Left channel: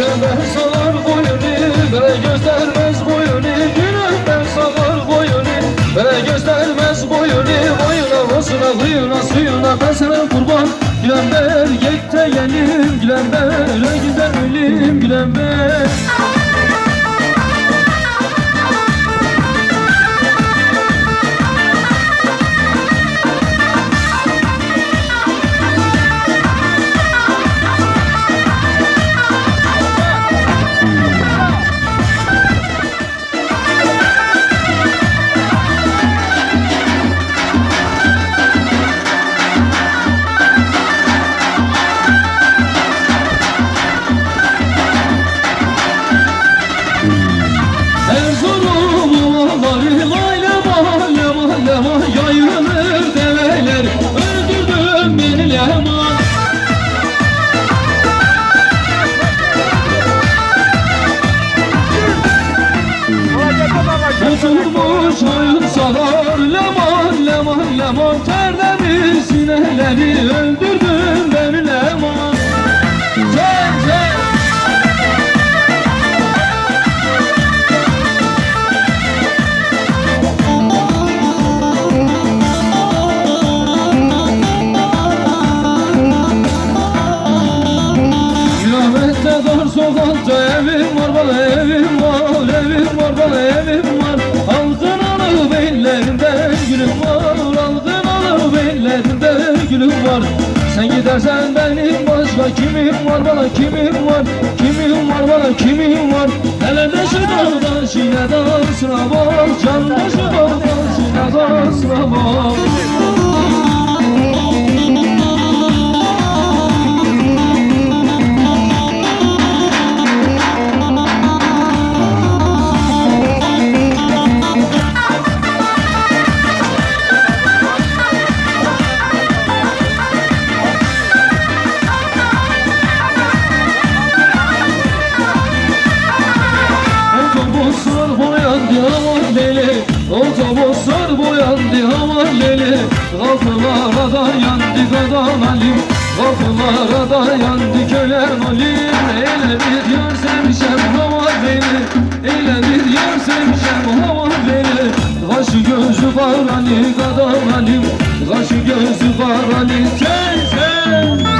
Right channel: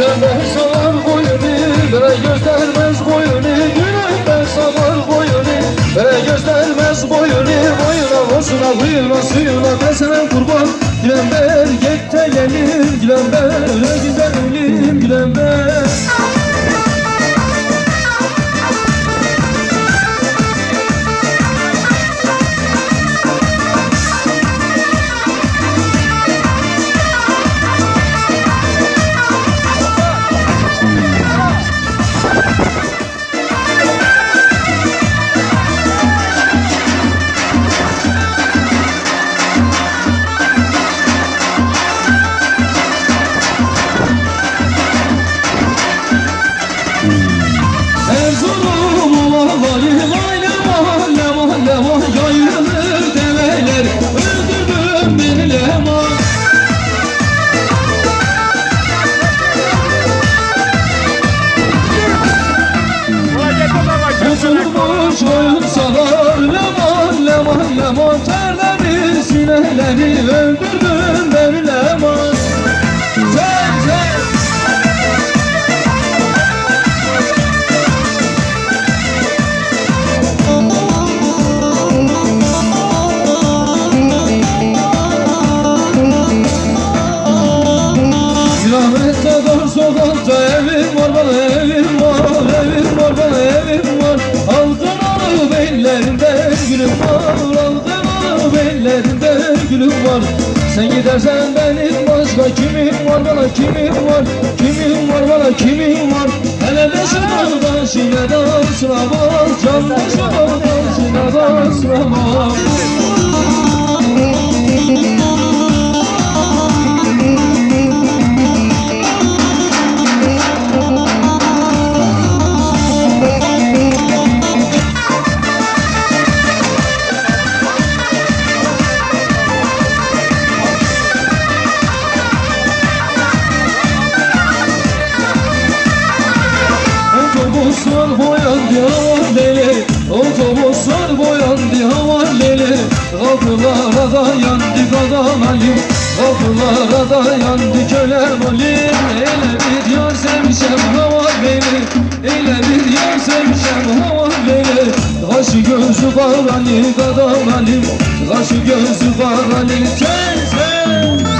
Gülümden salar boyunu Bere göstermez boyunu. Gülümden salar boyunu Bere göstermez boyunu. Boyuna bozuna kıyına suyuna sana kurban. Gülember yek de gelir Gülember öyle güzel ölüm. Gülember Erzurum sineleri öldürdüm leman Sen sen. Kilometre dar sokakta var. Sen gidersen benim başka kimim var bana kimim var? Kimim var bana kimim var? Hele de şu dağdan şineden sınama Can da şu dağdan şineden sınama Otobüsler alim Kapılara da yandı kölem alim Ele bir yar sevmişem hava beni. Ele bir yar sevmişem hava beni. Kaşı gözü var Ali adam alim. Kaşı gözü var Ali